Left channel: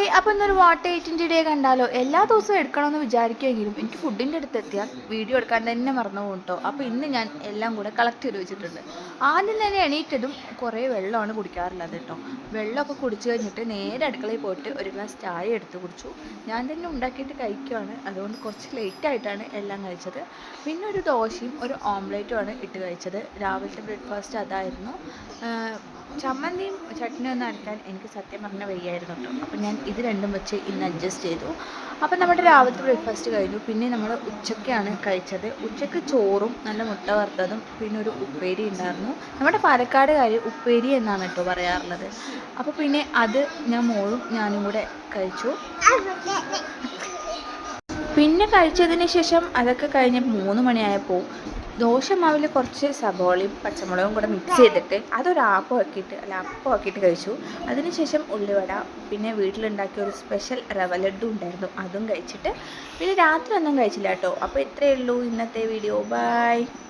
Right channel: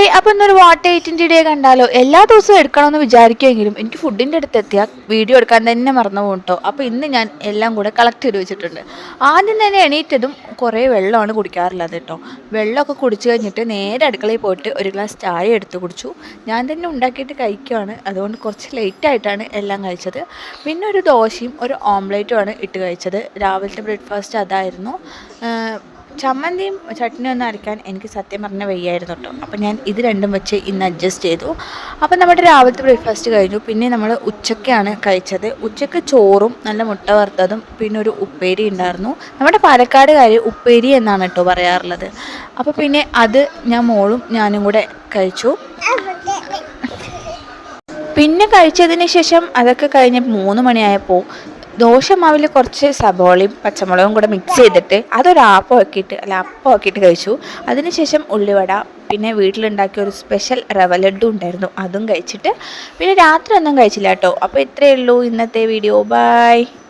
Hi, അപ്പോൾ ഇന്നൊരു what എയ്റ്റിൻ്റെ day കണ്ടാലോ? എല്ലാ ദിവസവും എടുക്കണമെന്ന് വിചാരിക്കുമെങ്കിലും എനിക്ക് ഫുഡിൻ്റെ അടുത്ത് എത്തിയാൽ വീഡിയോ എടുക്കാൻ തന്നെ മറന്നു പോകും കേട്ടോ. അപ്പോൾ ഇന്ന് ഞാൻ എല്ലാം കൂടെ കളക്ട് ചെയ്ത് വെച്ചിട്ടുണ്ട്. ആദ്യം തന്നെ എണീറ്റതും കുറേ വെള്ളമാണ് കുടിക്കാറുള്ളത് കേട്ടോ. വെള്ളമൊക്കെ കുടിച്ച് കഴിഞ്ഞിട്ട് നേരെ അടുക്കളയിൽ പോയിട്ട് ഒരു ഗ്ലാസ് ചായ എടുത്ത് കുടിച്ചു. ഞാൻ തന്നെ ഉണ്ടാക്കിയിട്ട് കഴിക്കുകയാണ്, അതുകൊണ്ട് കുറച്ച് ലേറ്റായിട്ടാണ് എല്ലാം കഴിച്ചത്. പിന്നെ ഒരു ദോശയും ഒരു ഓംലേറ്റുമാണ് ഇട്ട് കഴിച്ചത്. രാവിലത്തെ ബ്രേക്ക്ഫാസ്റ്റ് അതായിരുന്നു. ചമ്മന്തിയും ചട്നിയും ഒന്നും അരയ്ക്കാൻ എനിക്ക് സത്യം പറഞ്ഞാൽ വയ്യായിരുന്നു കേട്ടോ. അപ്പോൾ ഞാൻ ഇത് രണ്ടും വെച്ച് ഇന്ന് അഡ്ജസ്റ്റ് ചെയ്തു. അപ്പോൾ നമ്മുടെ രാവിലത്തെ ബ്രേക്ക്ഫാസ്റ്റ് കഴിഞ്ഞു. പിന്നെ നമ്മൾ ഉച്ചയ്ക്കാണ് കഴിച്ചത്. ഉച്ചയ്ക്ക് ചോറും നല്ല മുട്ട വറുത്തതും പിന്നെ ഒരു ഉപ്പേരി ഉണ്ടായിരുന്നു. നമ്മുടെ പാലക്കാടുകാർ ഉപ്പേരി എന്നാണ് കേട്ടോ പറയാറുള്ളത്. അപ്പോൾ പിന്നെ അത് ഞാൻ മോളും ഞാനും കൂടെ കഴിച്ചു. പിന്നെ കഴിച്ചതിന് ശേഷം അതൊക്കെ കഴിഞ്ഞ് 3 മണിയായപ്പോൾ ദോശമാവിൽ കുറച്ച് സബോളയും പച്ചമുളകും കൂടെ മിക്സ് ചെയ്തിട്ട് അതൊരു അപ്പം ആക്കിയിട്ട് കഴിച്ചു. അതിനുശേഷം ഉള്ളിവട, പിന്നെ വീട്ടിലുണ്ടാക്കിയ ഒരു സ്പെഷ്യൽ റവ ലഡ്ഡു ഉണ്ടായിരുന്നു, അതും കഴിച്ചിട്ട് പിന്നെ രാത്രി ഒന്നും കഴിച്ചില്ല കേട്ടോ. അപ്പോൾ ഇത്രയേ ഉള്ളൂ ഇന്നത്തെ വീഡിയോ. ബൈ.